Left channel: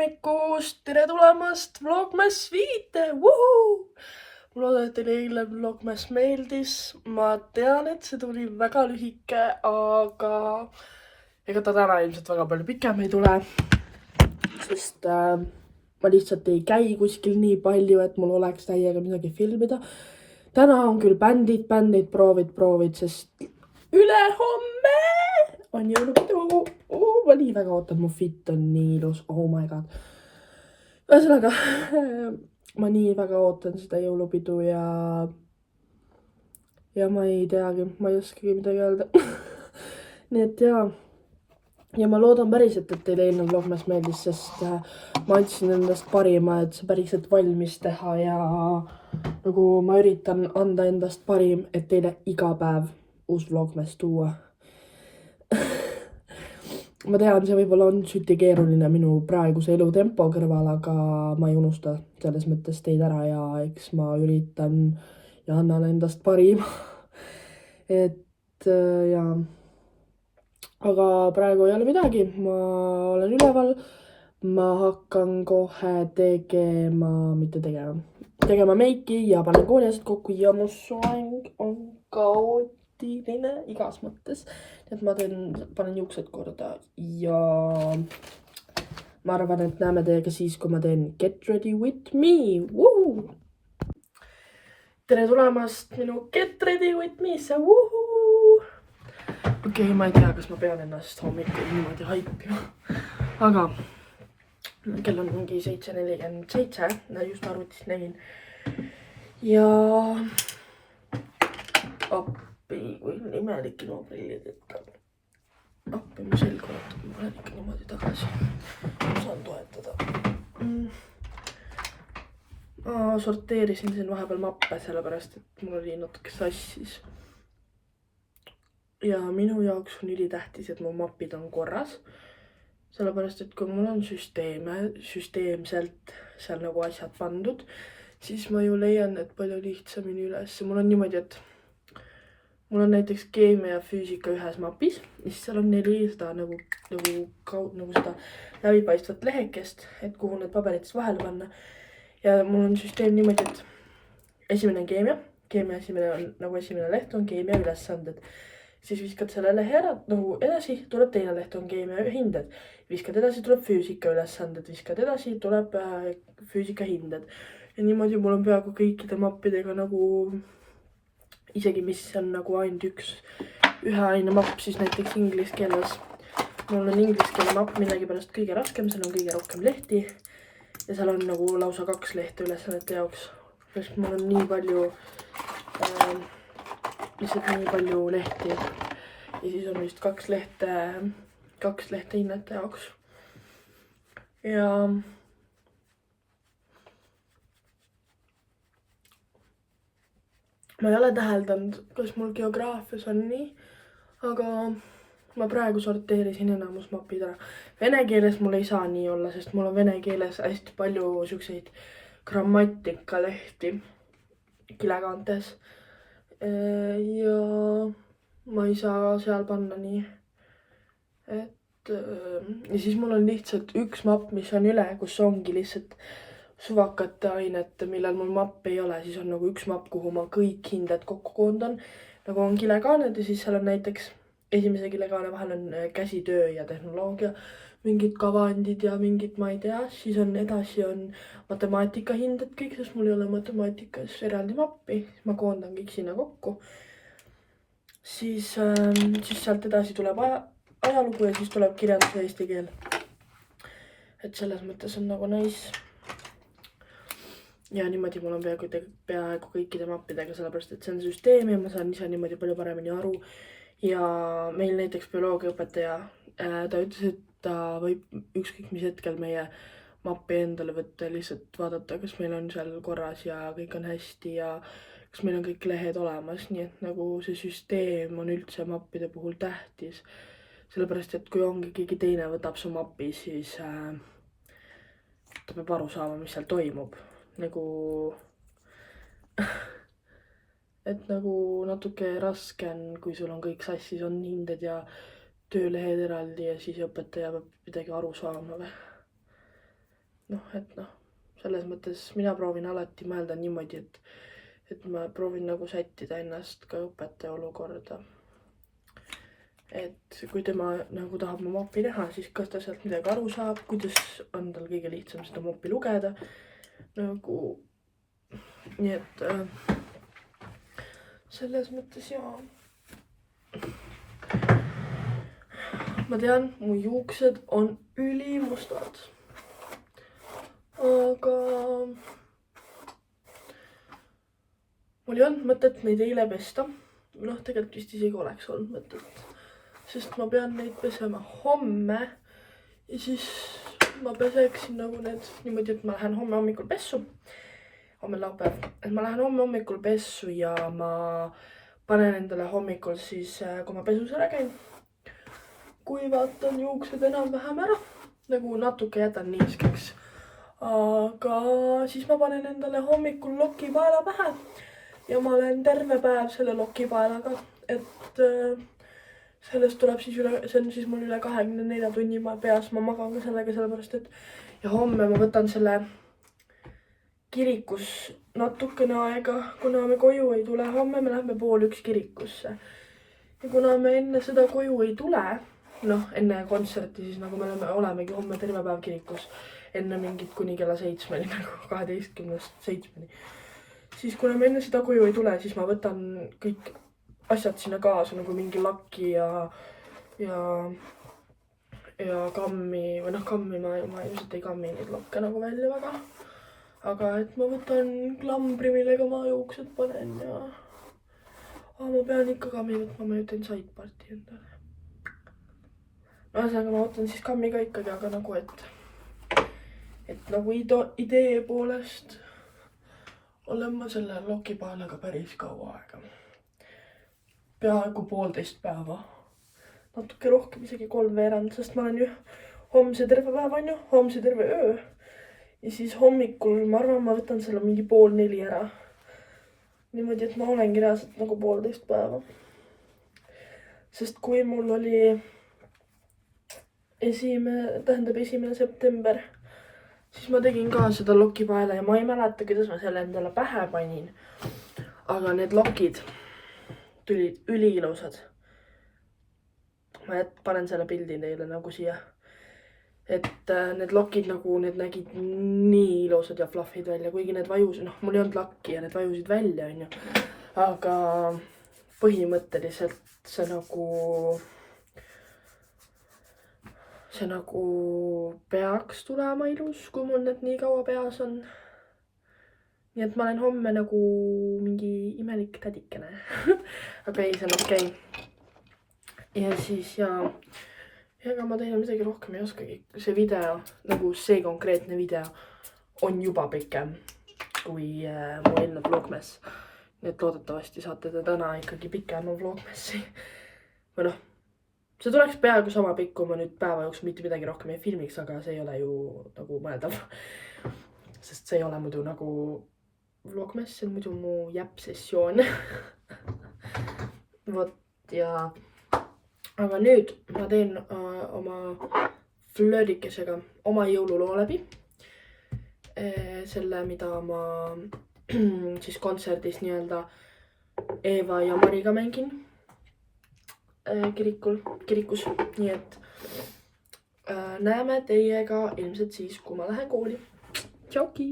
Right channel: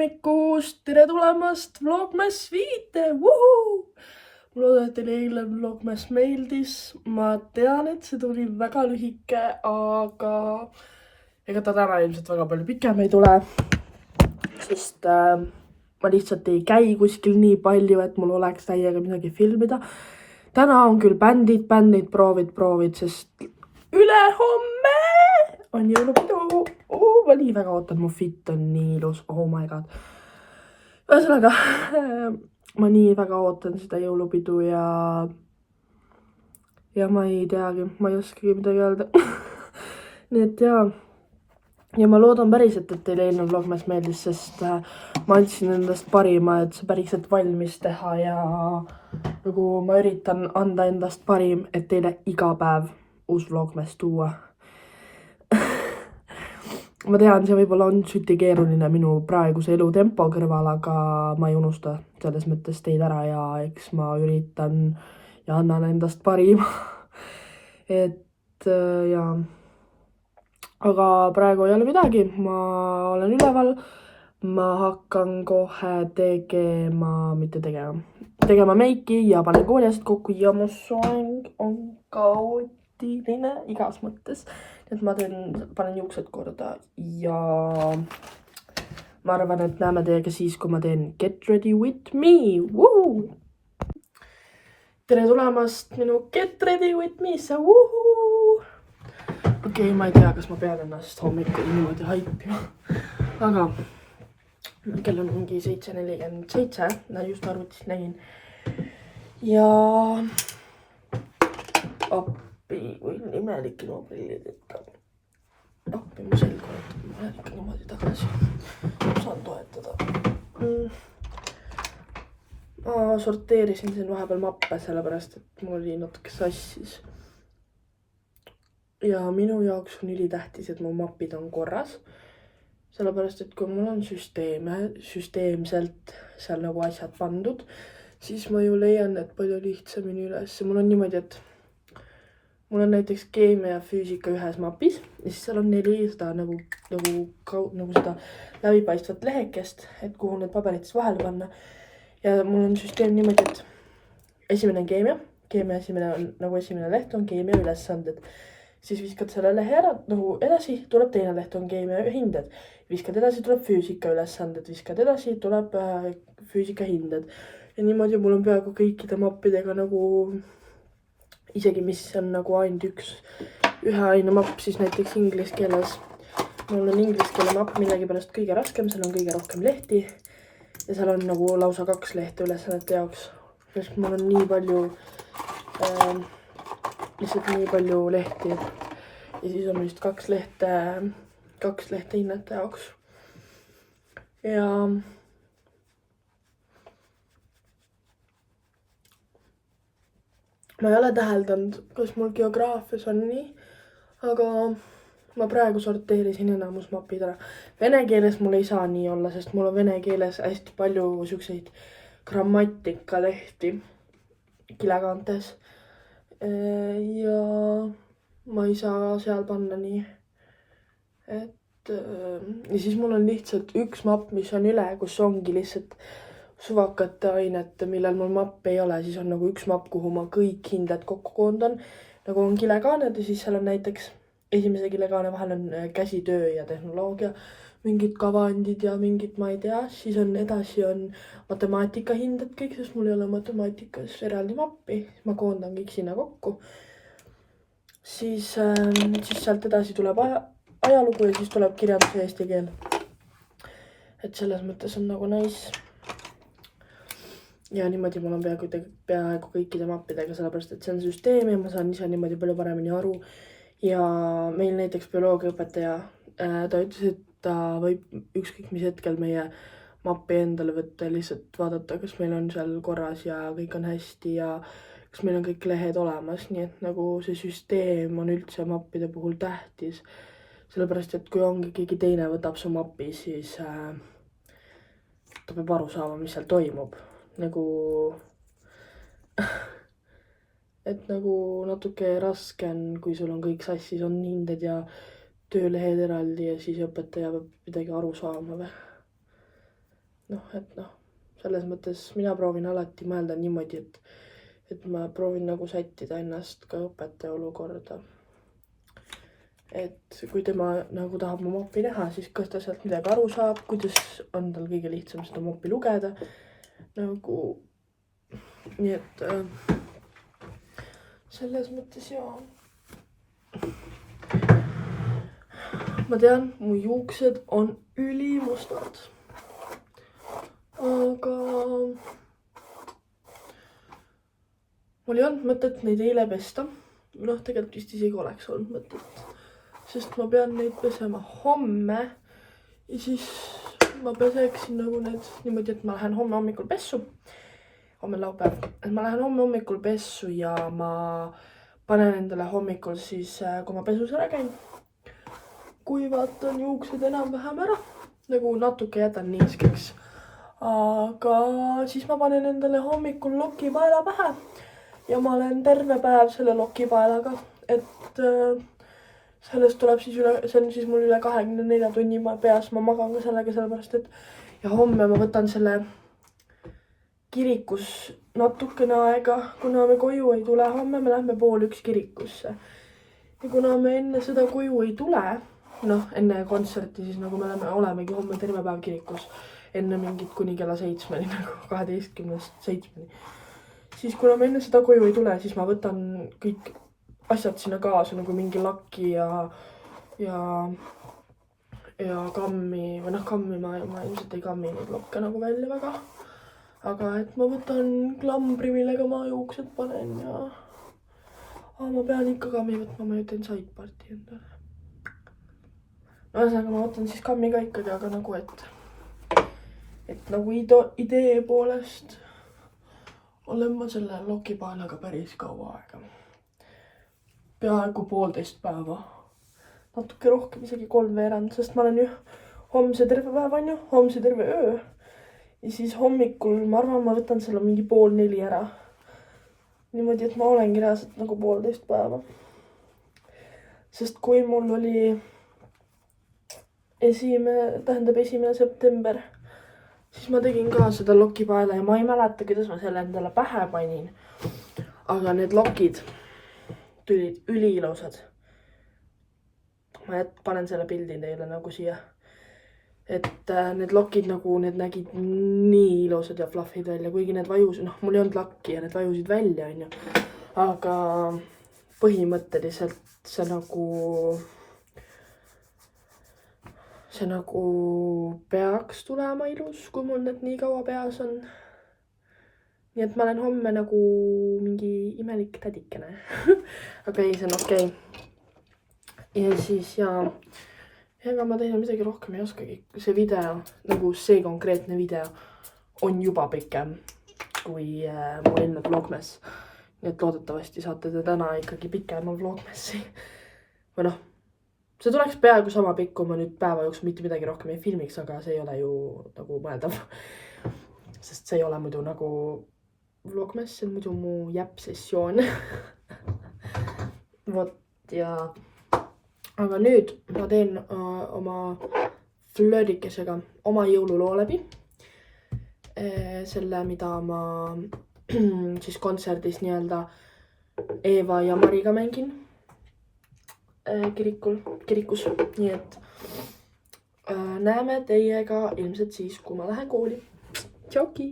hommikust, tere tulemast Vlogmas 5, vuhuu! Ma loodan, et teile eile Vlogmas meeldis. Ma tean, et see tuli väga lühike, aga ega ta täna ilmselt väga palju pikem ei tule, sest ma lihtsalt ei käi kuskil nii palju, et mul oleks täiega midagi filmida. Täna on küll bändid, proovid, sest ülehomme on jõulupidu. Ma nii väga ootan, mu fit on nii ilus, oh my god. Ühesõnaga, ma nii väga ootan seda jõulupidu ja ma ei teagi, ma ei oskagi midagi öelda. Nii et jaa. Ja ma loodan päriselt, et teile eelnev vlogmas meeldis, sest ma andsin endast parima, et see päriselt valmis teha ja nagu ma üritan anda endast parim, et teile iga päev uus vlogmas tuua. Ma tean, see võib-olla on süti keeruline minu praeguse elutempo kõrval, aga ma ei unusta selles mõttes teid ära ja eks ma üritan ja annan endast parima. Et jaa. Aga praegu ei ole midagi, ma olen üleval, ma hakkan kohe tegema meiki ja panen kooliasjad kokku ja mu soeng on kaootiline igas mõttes. Et ma panen juuksed korda ja ma arvan, et näeme teiega siis, kui ma teen Get Ready With Me. Woo! Tere tulemast minu Get Ready With Me'sse. Okei, ma ei tea, kas ma pean ennast hommikul niimoodi haipima. Aga kell on mingi 7:47, just arvutis nägin. Ja appi, kui imelik ilma prillid ikka. Appi mu selg ootab, ma lähen ikka niimoodi tagasi. Saan toetada. Ma sorteerisin siin vahepeal mappe, sellepärast, et mul oli natuke sassis. Ja minu jaoks on ülitähtis, et mu mapid on korras. Sellepärast, et kui mul on süsteemselt seal nagu asjad pandud, siis ma ju leian, et palju lihtsamini üles. Mul on niimoodi, et mul on näiteks keemia ja füüsika ühes mapis, ja siis seal on 400 nagu seda läbipaistvat lehekest, et kuhu need paberitest vahele panna. Ja mul on süsteem niimoodi, et esimene on keemia esimene leht on keemia ülesanded. Siis viskad selle lehe ära, nagu edasi tuleb teine leht on keemia hinded. Viskad edasi tuleb füüsika ülesanded, viskad edasi tuleb füüsika hinded. Ja niimoodi mul on peaaegu kõikide mappidega nagu, isegi mis on nagu ainult ühe aine mapp, siis näiteks inglise keeles. Mul on inglise keele mapp millegipärast kõige raskem, seal on kõige rohkem lehti. Ja seal on nagu lausa 2 lehte ülesannete jaoks. Sest mul on nii palju lihtsalt nii palju lehti ja siis on vist 2 lehte hinnete jaoks. Ja ma ei ole täheldanud, kas mul geograafias on nii, aga ma praegu sorteerisin enamus mapid ära. Vene keeles mul ei saa nii olla, sest mul on vene keeles hästi palju selliseid grammatikalehti kilekaantes. Ja ma ei saa seal panna nii, et ja siis mul on lihtsalt üks mapp, mis on üle, kus ongi lihtsalt suvakate ainete, millel mul mapp ei ole, siis on nagu üks mapp, kuhu ma kõik hinded kokku koondan, nagu on kilekaaned ja siis seal on näiteks esimese kilekaane vahel on käsitöö ja tehnoloogia, mingid kavandid ja mingid, ma ei tea, siis on edasi on matemaatika hinded kõik, sest mul ei ole matemaatikas eraldi mappi, ma koondan kõik sinna kokku. Siis sealt edasi tuleb ajalugu ja siis tuleb kirjandus ja eesti keel. Et selles mõttes on nagu nice. Ja niimoodi mul on peaaegu kõikide mappidega, sellepärast et see on süsteem ja ma saan ise niimoodi palju paremini aru. Ja meil näiteks bioloogiaõpetaja, ta ütles, et ta võib ükskõik mis hetkel meie mappi endale võtta ja lihtsalt vaadata, kas meil on seal korras ja kõik on hästi ja kas meil on kõik lehed olemas, nii et nagu see süsteem on üldse mappide puhul tähtis. Sellepärast, et kui ongi keegi teine võtab su mapi, siis ta peab aru saama, mis seal toimub. Nagu et nagu natuke raske on, kui sul on kõik sassis, on hinded ja töölehed eraldi ja siis õpetaja peab midagi aru saama või. selles mõttes mina proovin alati mõelda niimoodi, et ma proovin nagu sättida ennast ka õpetaja olukorda. Et kui tema nagu tahab mu mopi näha, siis kas ta sealt midagi aru saab, kuidas on tal kõige lihtsam seda mopi lugeda. Nagu, nii et selles mõttes jaa. Ma tean, mu juuksed on ülimustad. Aga mul ei olnud mõtet neid eile pesta. Tegelikult vist isegi oleks olnud mõtet. Sest ma pean neid pesema homme. Ja siis ma peseksin nagu need niimoodi, et ma lähen homme hommikul pessu. Homme laupäev. Et ma lähen homme hommikul pessu ja ma panen endale hommikul siis, kui ma pesus ära käin. Kui vaatan juuksed enam-vähem ära. Nagu natuke jätan niiskeks. Aga siis ma panen endale hommikul lokipaela pähe ja ma olen terve päev selle lokipaelaga, et sellest tuleb siis see on siis mul üle 24 tunni peas, ma magan ka sellega sellepärast, et ja homme ma võtan selle kirikus natukene aega, kuna me koju ei tule, homme me lähme 12:30 kirikusse ja kuna me enne seda koju ei tule, enne kontserti, siis nagu me olemegi homme terve päev kirikus. Enne mingit kuni kella 7, nagu 12:07. Siis kuna ma enne seda koju ei tule, siis ma võtan kõik asjad sinna kaasa, nagu mingi lakki ja kammi, või kammi ma ilmselt ei kammi neid lokke nagu välja väga. Aga et ma võtan klambri, millega ma juuksed panen ja ma pean ikka kammi võtma, ma ütlen sideparti endale. Ühesõnaga ma võtan siis kammi ka ikkagi, aga nagu et nagu idee poolest olen ma selle lokipaelaga päris kaua aega. Peaaegu 1,5 päeva. Natuke rohkem, isegi 3/4, sest ma olen ju homse terve päev, on ju, homse terve öö. Ja siis hommikul, ma arvan, ma võtan selle mingi 3:30 ära. Niimoodi, et ma olengi reaalselt nagu 1,5 päeva. Sest kui mul oli 1. september, siis ma tegin ka seda lokipaela ja ma ei mäleta, kuidas ma selle endale pähe panin. Aga need lokid tulid üliilusad. Ma panen selle pildi teile nagu siia. Et need lokid nagu, need nägid nii ilusad ja fluffid välja, kuigi need vajusid, mul ei olnud lakki ja need vajusid välja, on ju. Aga põhimõtteliselt see nagu peaks tulema ilus, kui mul need nii kaua peas on. Nii et ma olen homme nagu mingi imelik tädikene. Aga ei, see on okei. Ja siis ega ma teile midagi rohkem ei oskagi. See video, nagu see konkreetne video on juba pikem kui mu eelne vlogmess. Nii et loodetavasti saate te täna ikkagi pikema vlogmessi. Või see tuleks peaaegu sama pikk, kui ma nüüd päeva jooksul mitte midagi rohkem ei filmiks, aga see ei ole ju nagu mõeldav. Sest see ei ole muidu nagu vlogmess, see on muidu mu jäpp-sessioon. Vot ja... Aga nüüd ma teen oma flöödikesega oma jõululoo läbi. Selle, mida ma siis kontserdis nii-öelda Eeva ja Mariga mängin. Kirikus, nii et näeme teiega ilmselt siis, kui ma lähen kooli. Tšauki!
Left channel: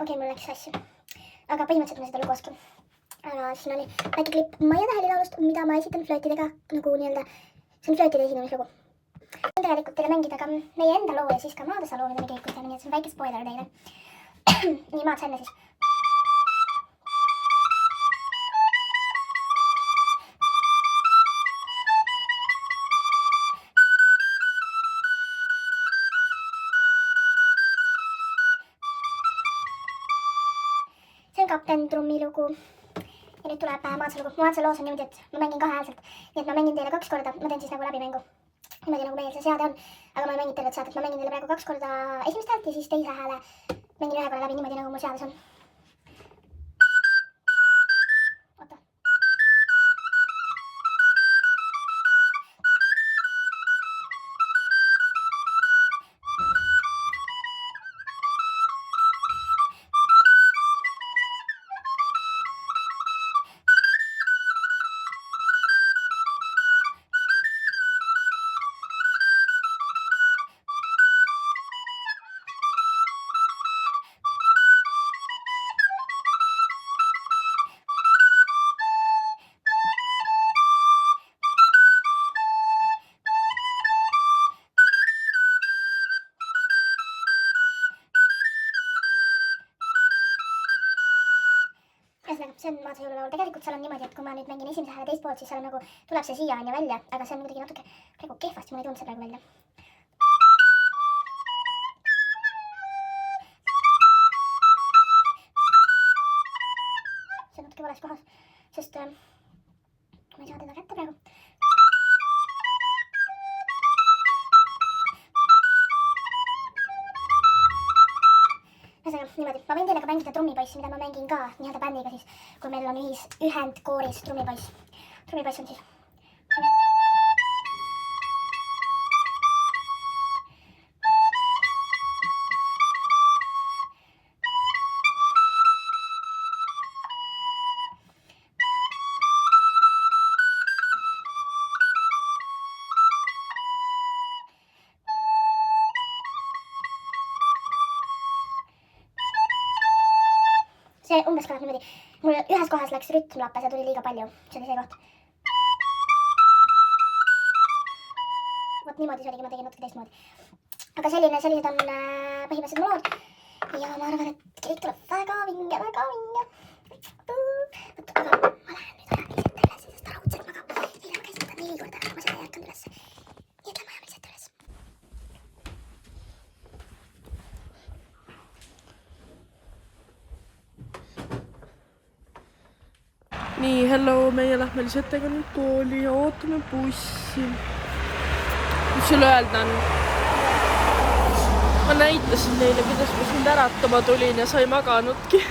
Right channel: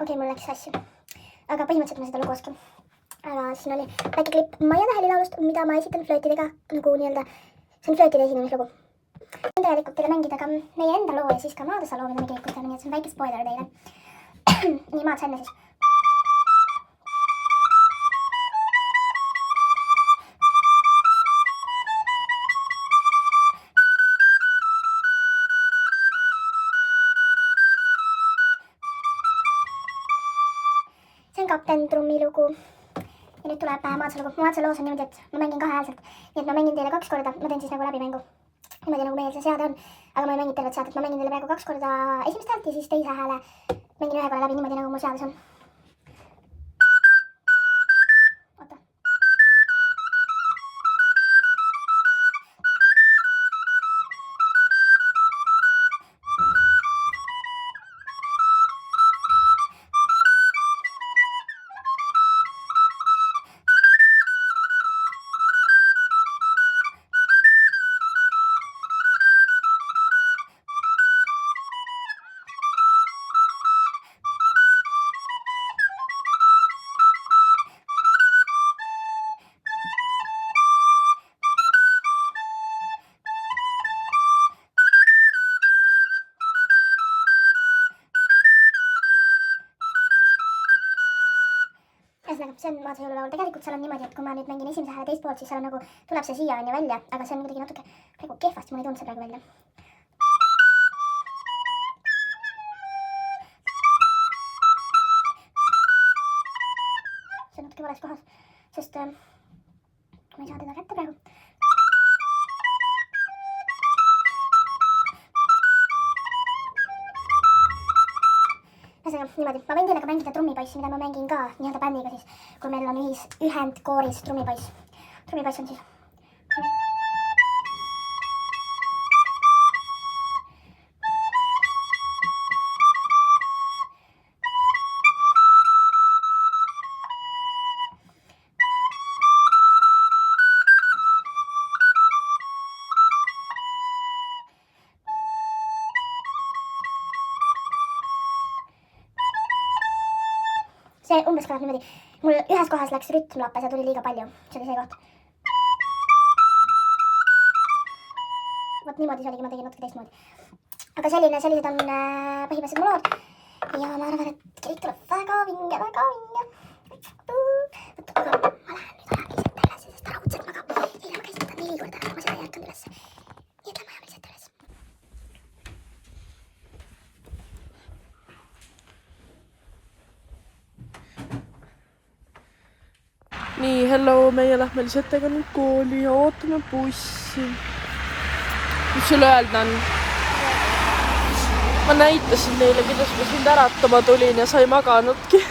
Okei, mul läks sassi. Aga põhimõtteliselt ma seda lugu oskan. Aga siin oli väike klipp Maia Täheli laulust, mida ma esitan flöötidega nagu nii-öelda, see on flöötide esinemislugu. On tegelikult teile mängida ka meie enda loo ja siis ka Maadasa loo, mida me kirikut teeme, nii et see on väike spoiler teile. Nii, Maad sa enne siis. See on kapten trummi lugu. Ja nüüd tuleb Maadsa lugu. Maadsa loos on niimoodi, et ma mängin kahehäälselt. Nii et ma mängin teile 2 korda. Ma teen siis nagu läbimängu. Niimoodi nagu meil see seade on. Aga ma ei mängi tervet seadet. Ma mängin teile praegu 2 korda esimest häält ja siis teise hääle mängin 1 korra läbi niimoodi nagu mul seades on. Oota. Ühesõnaga, see on Maadsa jõululaul. Tegelikult seal on niimoodi, et kui ma nüüd mängin esimese hääle teist poolt, siis seal on nagu, tuleb see siia enne välja, aga see on kuidagi natuke praegu kehvasti, mul ei tulnud see praegu välja. See on natuke vales kohas, sest ma ei saa teda kätte praegu. Ühesõnaga, niimoodi. Ma võin teile ka mängida trummipoiss, mida ma mängin ka nii-öelda bändiga siis, kui meil on ühendkooris trummipoiss. Trummipoiss on siis. See umbes kõlab niimoodi. Mul ühes kohas läks rütm lappes ja tuli liiga palju. See oli see koht. Vot niimoodi see oligi, ma tegin natuke teistmoodi. Aga sellised on põhimõtteliselt mu lood. Ja ma arvan, et kõik tuleb väga vinge, väga vinge. Aga ma lähen nüüd ära lihtsalt üles, sest ta raudselt magab. Eile ma käisin ta 4 korda, et ma seda ei ärkanud üles. Nii et lähme ajame lihtsalt üles. Nii, hello, meie lähme lihtsalt nüüd kooli ja ootame bussi. Mis sul öelda on? Ma näitasin neile, kuidas ma sind äratama tulin ja sa ei maganudki.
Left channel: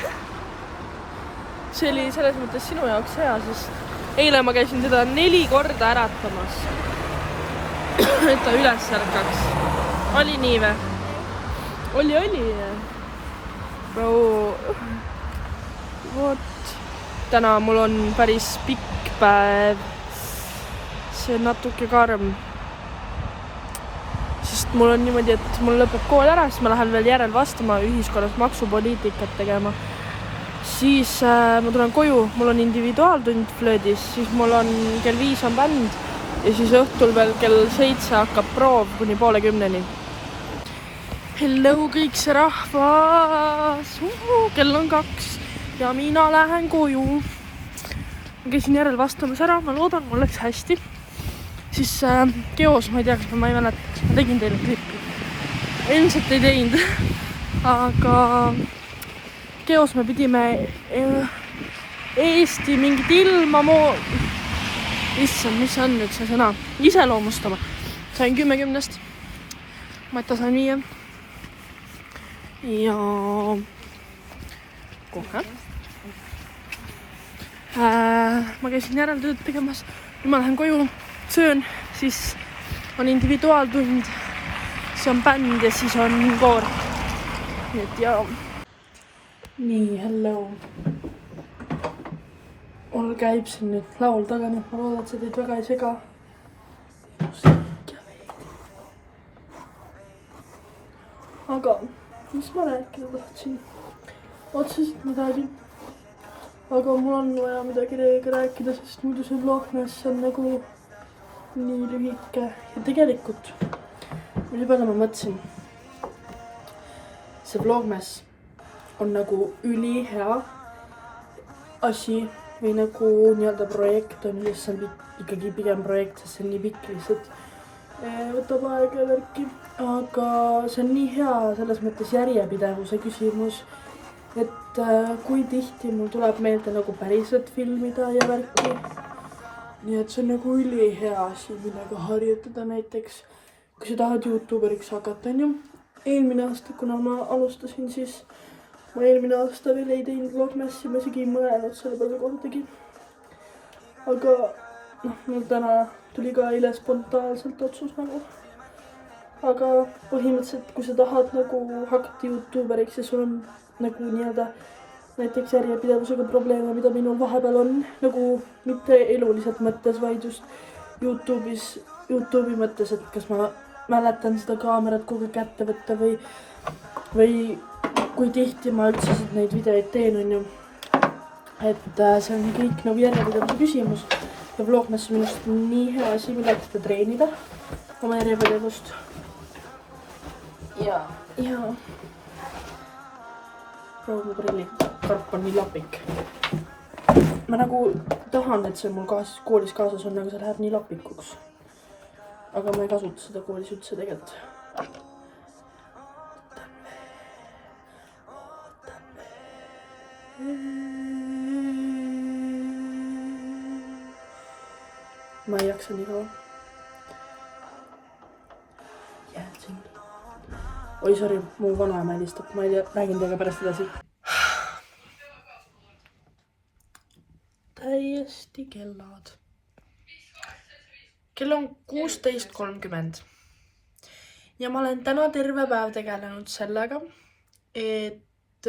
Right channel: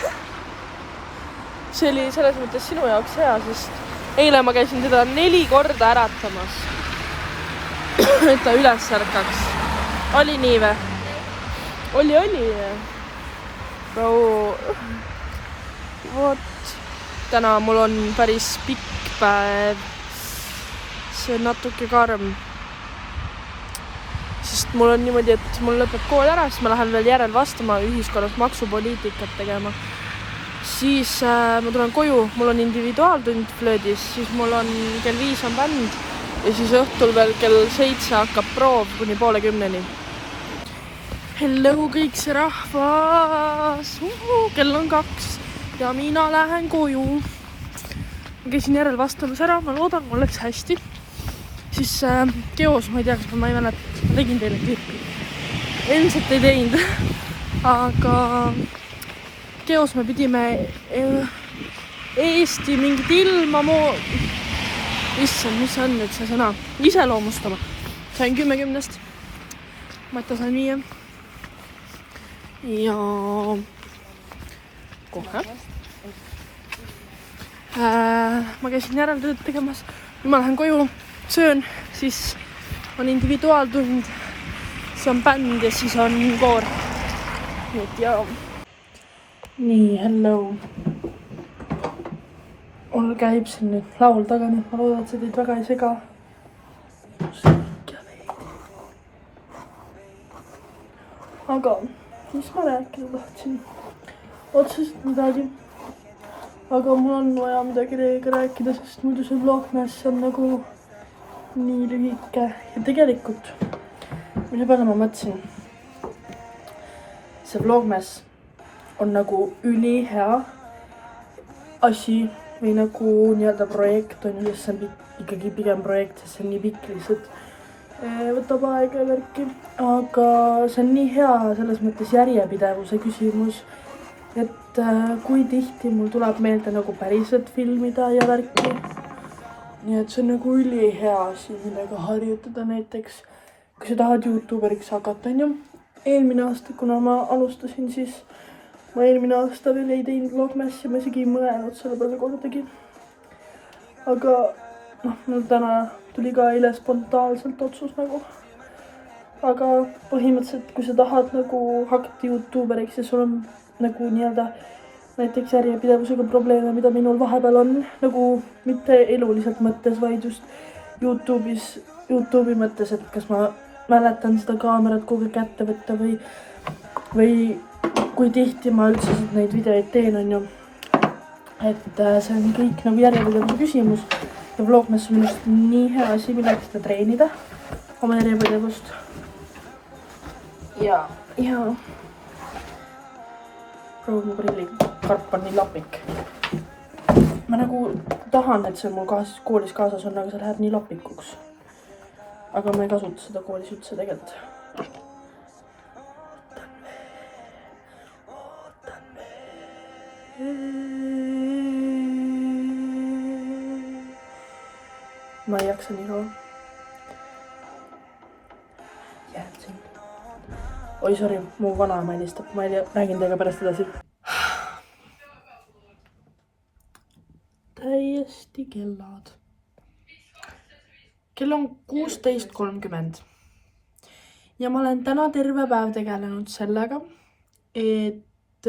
See oli selles mõttes sinu jaoks hea, sest eile ma käisin teda 4 korda äratamas. Et ta üles ärkaks. Oli nii või? Oli. Bro. Vot. Täna mul on päris pikk päev. See on natuke karm. Sest mul on niimoodi, et mul lõpeb kool ära, siis ma lähen veel järel vastama ühiskonnas maksupoliitikat tegema. Siis ma tulen koju, mul on individuaaltund flöödis, siis mul on kell 5 on bänd ja siis õhtul veel kell 7 hakkab proov kuni 9:30. Hello kõik see rahvas! Kell on 2 ja mina lähen koju. Ma käisin järel vastamas ära, ma loodan, mul läks hästi. Siis Geos, ma ei tea, kas ma ei mäleta, kas ma tegin teile klippi. Ilmselt ei teinud. Aga Geos me pidime Eesti mingit ilma Issand, mis on nüüd see sõna? Iseloomustama. Sain 10/10. Mata sain 5. Ja kohe. Ma käisin järeltööd tegemas. Nüüd ma lähen koju, söön, siis on individuaaltund, siis on bänd ja siis on koor. Nii et ja. Nii, hello. Mul käib siin nüüd laul taga, nii et ma loodan, et see teid väga ei sega. Aga mis ma rääkida tahtsin? otseselt midagi. Aga mul on vaja midagi teiega rääkida, sest muidu see vlogmess on nagu nii lühike. Ja tegelikult, mille peale ma mõtlesin, see vlogmess on nagu ülihea asi või nagu nii-öelda projekt on ju, see on ikkagi pigem projekt, sest see on nii pikk lihtsalt. Võtab aega ja värki, aga see on nii hea selles mõttes järjepidevuse küsimus, et kui tihti mul tuleb meelde nagu päriselt filmida ja värki. Nii et see on nagu ülihea asi, millega harjutada näiteks, kui sa tahad YouTuberiks hakata, on ju. Eelmine aasta, kuna ma alustasin, siis ma eelmine aasta veel ei teinud vlogmassi, ma isegi ei mõelnud selle peale kordagi. Aga mul täna tuli ka eile spontaanselt otsus nagu. Aga põhimõtteliselt, kui sa tahad nagu hakata YouTuberiks ja sul on nagu nii-öelda näiteks järjepidevusega probleeme, mida minul vahepeal on, nagu mitte eluliselt mõttes, vaid just YouTube'i mõttes, et kas ma mäletan seda kaamerat kogu aeg kätte võtta või kui tihti ma üldse neid videoid teen, on ju. Et see on kõik nagu järjepidevuse küsimus. Ja vlogmess on minust nii hea asi, millega seda treenida oma järjepidevust. Ja. Proov mu prillikarp on nii lapik. Ma nagu tahan, et see mul koolis kaasas on, aga see läheb nii lapikuks. Aga ma ei kasuta seda koolis üldse tegelikult. Ma ei jaksa nii kaua. Jääd siin. Oi, sorry, mu vanaema helistab. Ma ei tea, räägin teiega pärast edasi. Täiesti kellad. Kell on 16:30. Ja ma olen täna terve päev tegelenud sellega, et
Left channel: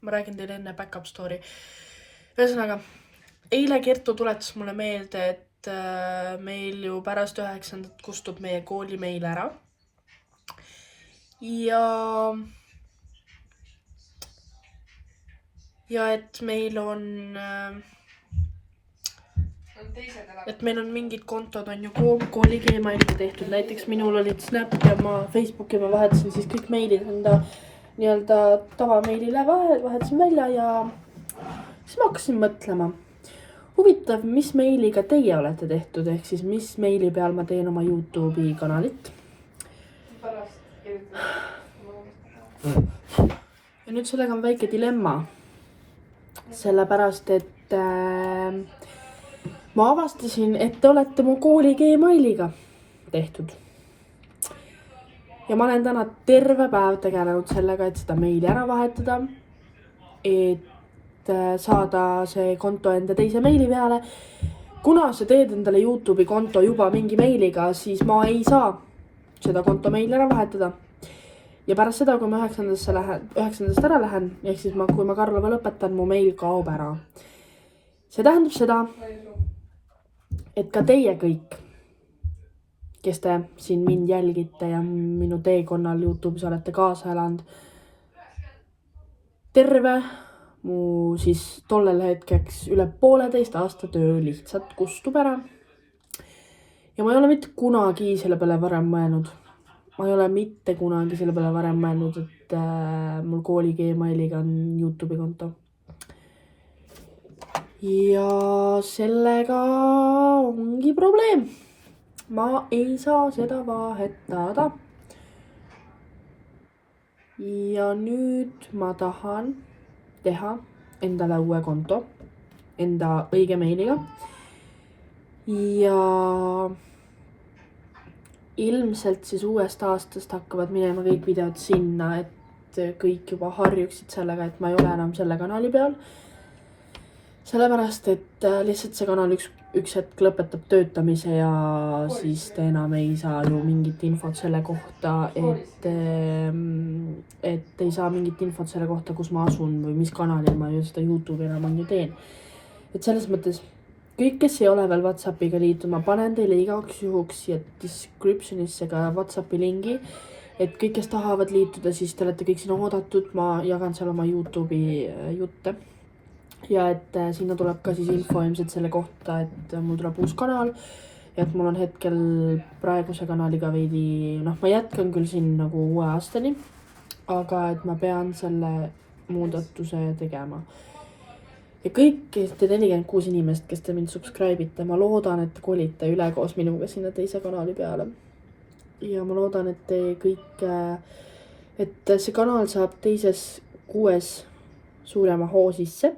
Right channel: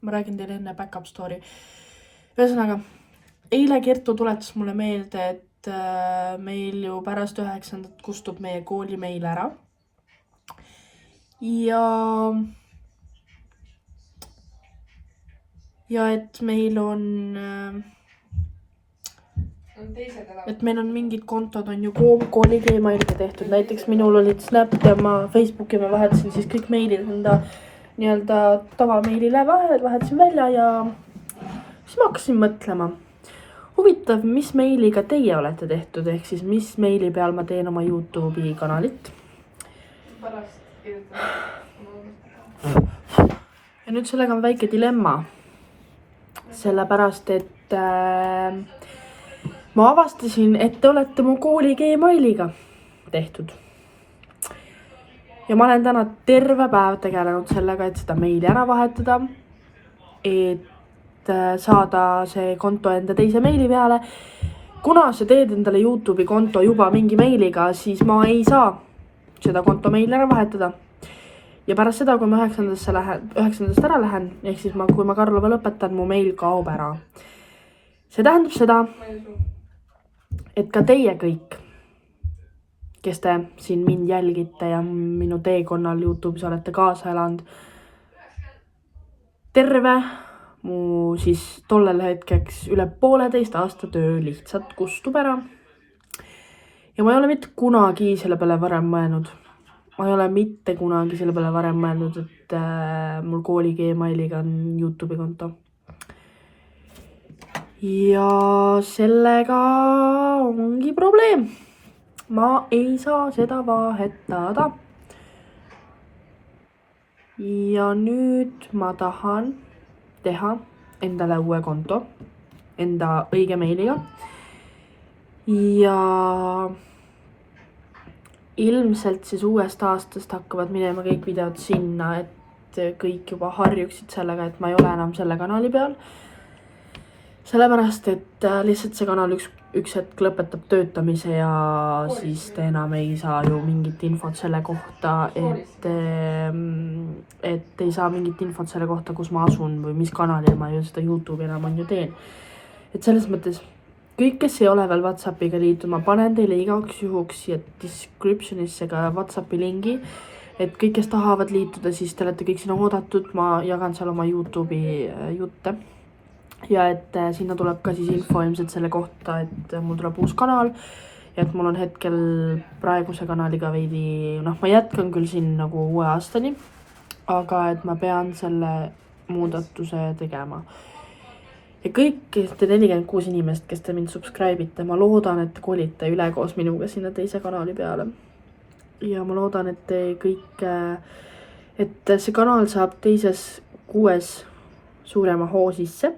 ma räägin teile enne back-up story. Ühesõnaga, eile Kertu tuletas mulle meelde, et meil ju pärast 9. kustub meie kooli meil ära. Ja et meil on mingid kontod on ju kooli Gmailiga tehtud. Näiteks minul olid Snap ja ma Facebooki ma vahetasin siis kõik meilid enda nii-öelda tavameilile vahetasin välja ja siis ma hakkasin mõtlema. Huvitav, mis meiliga teie olete tehtud, ehk siis mis meili peal ma teen oma YouTube'i kanalit. Ja nüüd sellega on väike dilemma. Sellepärast, et ma avastasin, et te olete mu kooli Gmailiga tehtud. Ja ma olen täna terve päev tegelenud sellega, et seda meili ära vahetada, et saada see konto enda teise meili peale. Kuna sa teed endale YouTube'i konto juba mingi meiliga, siis ma ei saa seda konto meili ära vahetada. Ja pärast seda, kui ma 9. ära lähen, ehk siis kui ma Karlova lõpetan, mu meil kaob ära. See tähendab seda, et ka teie kõik, kes te siin mind jälgite ja minu teekonnal YouTube'is olete kaasa elanud, terve mu siis tollel hetkeks üle 1,5 aasta töö lihtsalt kustub ära. Ja ma ei ole mitte kunagi selle peale varem mõelnud. Ma ei ole mitte kunagi selle peale varem mõelnud, et mul kooli Gmailiga on YouTube'i konto. Ja sellega ongi probleem. Ma ei saa seda vahetada. Ja nüüd ma tahan teha endale uue konto, enda õige meiliga. Ja ilmselt siis uuest aastast hakkavad minema kõik videod sinna, et kõik juba harjuksid sellega, et ma ei ole enam selle kanali peal. Sellepärast, et lihtsalt see kanal üks hetk lõpetab töötamise ja siis te enam ei saa ju mingit infot selle kohta, et ei saa mingit infot selle kohta, kus ma asun või mis kanalil ma ju seda YouTube'i enam on ju teen. Et selles mõttes, kõik, kes ei ole veel WhatsAppiga liitud, ma panen teile igaks juhuks siia descriptionisse ka WhatsAppi lingi, et kõik, kes tahavad liituda, siis te olete kõik sinna oodatud, ma jagan seal oma YouTube'i jutte. Ja et sinna tuleb ka siis info ilmselt selle kohta, et mul tuleb uus kanal ja et mul on hetkel praeguse kanaliga veidi, noh, ma jätkan küll siin nagu uue aastani, aga et ma pean selle muudatuse tegema. Ja kõik te 46 inimest, kes te mind subscribe ite, ma loodan, et kolite üle koos minuga sinna teise kanali peale. Ja ma loodan, et te kõik, et see kanal saab teises 6 suurema hoo sisse.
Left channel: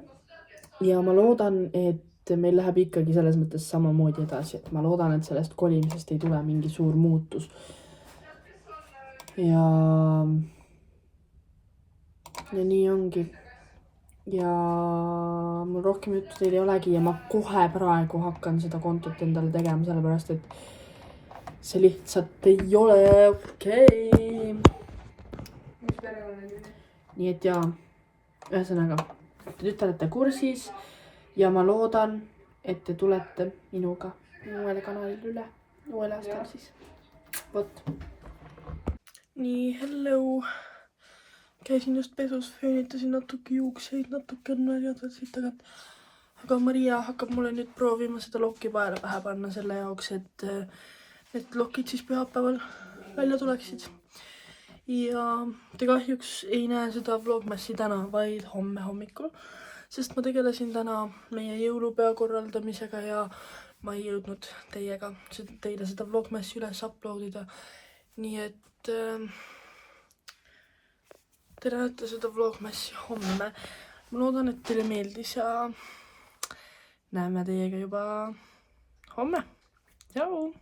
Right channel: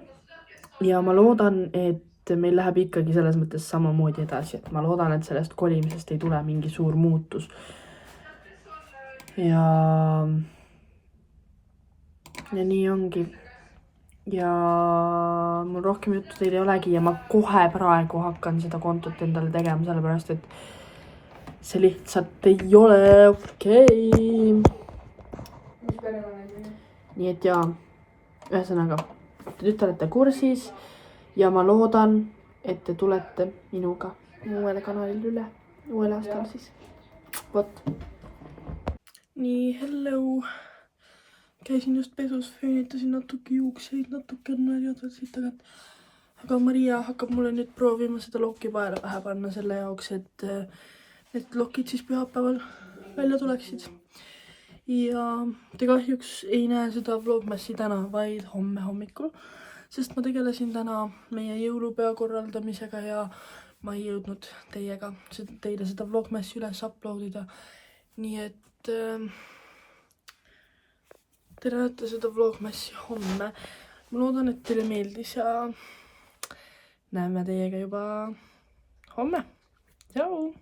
Ja ma loodan, et meil läheb ikkagi selles mõttes samamoodi edasi, et ma loodan, et sellest kolimisest ei tule mingi suur muutus. Ja nii ongi. Ja mul rohkem juttu teil ei olegi ja ma kohe praegu hakkan seda kontot endale tegema, sellepärast et see lihtsalt ei ole okei. Nii et jaa, ühesõnaga, te nüüd olete kursis ja ma loodan, et te tulete minuga uuele kanalile üle, uuel aastal siis. Vot. Nii, hello. Käisin just pesus, föönitasin natuke juukseid, natuke on märjadvad siit tagant. Aga Maria hakkab mulle nüüd proovima seda lokki paela pähe panna selle jaoks, et need lokid siis pühapäeval välja tuleksid. Ja te kahjuks ei näe seda vlogmassi täna, vaid homme hommikul, sest ma tegelesin täna meie jõulupea korraldamisega ja ma ei jõudnud teile seda vlogmassi üles uploadida. Nii et te näete seda vlogmassi homme. Ma loodan, et teile meeldis ja näeme teiega juba homme. Tšau!